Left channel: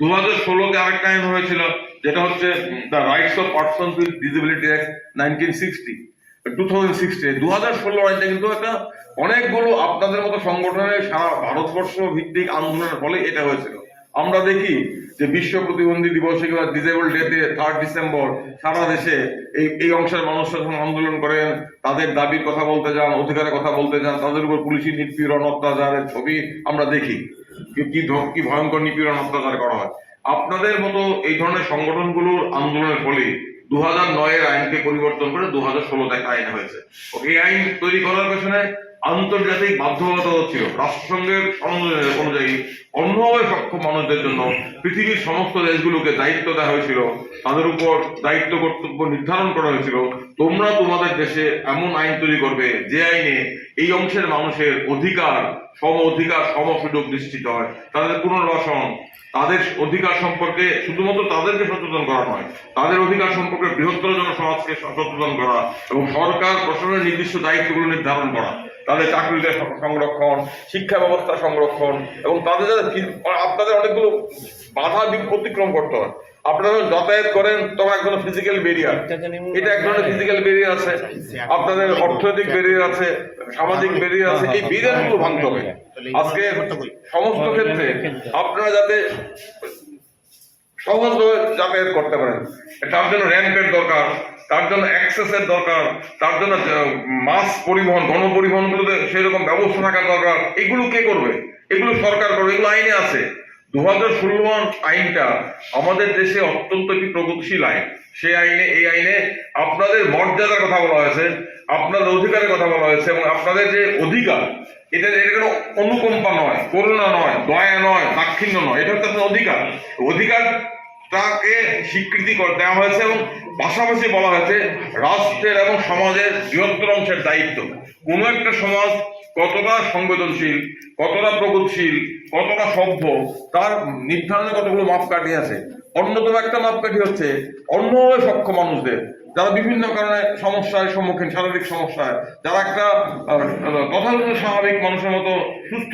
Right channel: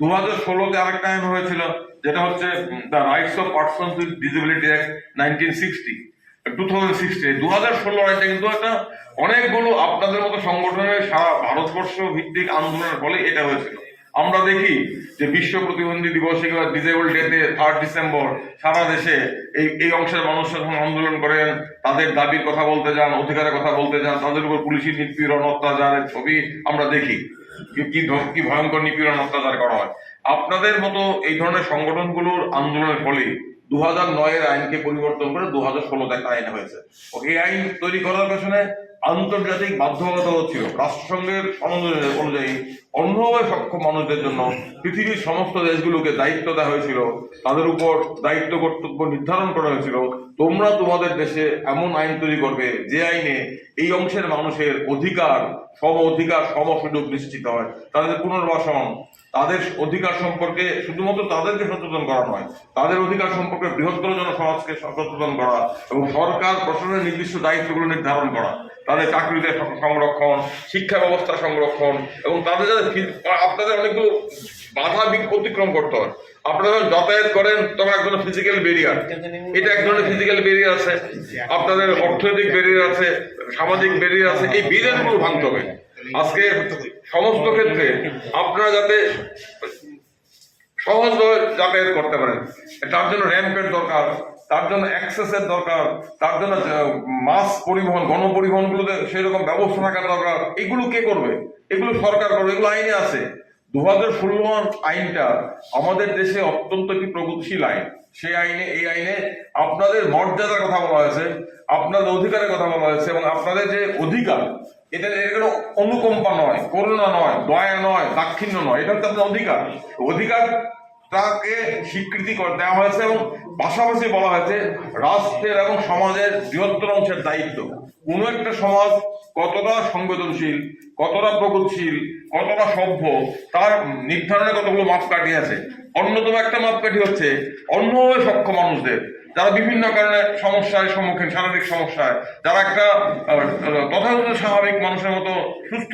দু হাজার ষোলোতে আরেকটা আইন হয়েছিল, যেটা হচ্ছে the rights of person with disability act nineteen sixty two thousand sixty দু হাজার ষোলো আইনটা কিন্তু একটা অনেকগুলো আপনাদের মতো সংগঠনের সারা ভারতবর্ষ ভিত্তিক আন্দোলনের ফলে এটা হয়েছিল। আমরা দেখি যে বিশ্ব প্রতিবন্ধী দিবসে কিংবা ডিসেবল ডেতে থার্ড ডিসেম্বর সারা দেশে এই এই অংশের মানুষ যখন আন্দোলন করেন, তাদের দাবির কথা বলতে যান, অধিকারের কথা বলতে যান, তাদের উপর পুলিশি নিপীড়ন অত্যাচারের ছবি আমরা দেখি। কি- কি ভয়ঙ্কর নিপীড়ন অত্যাচার করা হয়। আপনাদের মতো এই ধরনের সংগঠনগুলোর আন্দোলনের ফলে দু হাজার নয়ের আইনকে পরিবর্তন করে দু হাজার ষোলোতে আইন হয়েছে। এই আইন তৈরি করার পেছনে আন্তর্জাতিক বাধ্যবাধকতা ছিল রাষ্ট্রসংঘের অনুযায়ী অন্যভাবে সক্ষম মানুষদের জন্য পৃথিবীর সমস্ত দেশগুলোকে দায়িত্ব দেওয়া হয়েছিল। তাদের উপর দায়িত্ব কর্তব্য নির্ধারণ করা হয়েছিল। তোমরা তোমাদের দেশে এমন আইন তৈরি করবে যে আইনে এই অংশের মানুষের অধিকার, সম অধিকার, সম সুযোগ নিশ্চিত হয়। তাদের পুনর্বাসন, তাদের অধিকার সম্পর্কে শুধুমাত্র তাদেরকে সচেতন করা নয়, তাদের অধিকার সম্পর্কে বৃহত্তর জনসমাজকে সচেতন করা এবং সরকার প্রশাসনের নির্দিষ্ট দায়িত্বগুলো নির্ধারণ করা। তাদের চাকরিতে সংরক্ষণ, শিক্ষা ব্যবস্থা সংরক্ষণ এবং তাদের যাতে আপনাদের অনেকগুলো বাধা অতিক্রম করতে হয়। আপনারা যখন যাতায়াত করেন, তখন এক ধরনের ফিজিক্যাল বেরিয়ার এটা এক ধরনের ফিজিক্যাল বেরিয়ার আছে। আপনাদের অর্থনৈতিক বেরিয়ার আছে, সামাজিক বেরিয়ার আছে। এই বেরিয়ারগুলো ভাঙতে হবে। আজকে সমস্ত ক্ষেত্রে আপনারা যাতে সহজভাবে যাতায়াত করতে পারেন। তার জন্য র্যাম্পের দরকার। তার জন্য অ্যাক্সেসের দরকার, তার জন্য মাস পরিবহন, গণপরিবহনগুলোতে সেরকম ব্যবস্থা থাকার দরকার। এগুলো কে করবে? এগুলো সরকার করবে, এগুলো আইনে আছে। দু হাজার ষোলো আইনটা আমাদের দেশে অত্যন্ত একটি প্রগতিশীল আইন। সেই আইনে, এই আইনে আপনাদের মর্যাদার কথা বলা হয়েছে, আপনাদের অধিকারের কথা বলা হয়েছে, এবং আপনাদের যে অধিকার, এটা এটা কোনো অনুকম্পা নয়, করুণা নয়, দয়া নয় দাক্ষিণ্য নয়, এটা হচ্ছে আপনার অধিকার অধিকারটাকে স্বীকৃতি দেওয়া হয়েছে এবং পাশাপাশি বলা হয়েছে, রাষ্ট্রের এবং সমাজের বৃহত্তর অংশের দায়িত্ব। কোনো একটা সমাজ কতটা সংবেদনশীল, কতটা প্রগতিশীল, কতটা সভ্য, তার নির্ধারণে কতগুলো মাপকাঠি আছে। অন্যতম একটা মাপকাঠি হচ্ছে অন্যভাবে সক্ষম মানুষদের। যারা বিভিন্ন কারণে সমস্যায় সম্মুখীন, শারীরিক সমস্যায়, যারা একটা তথাকথিত স্বাভাবিক মানুষের মতো সুস্থ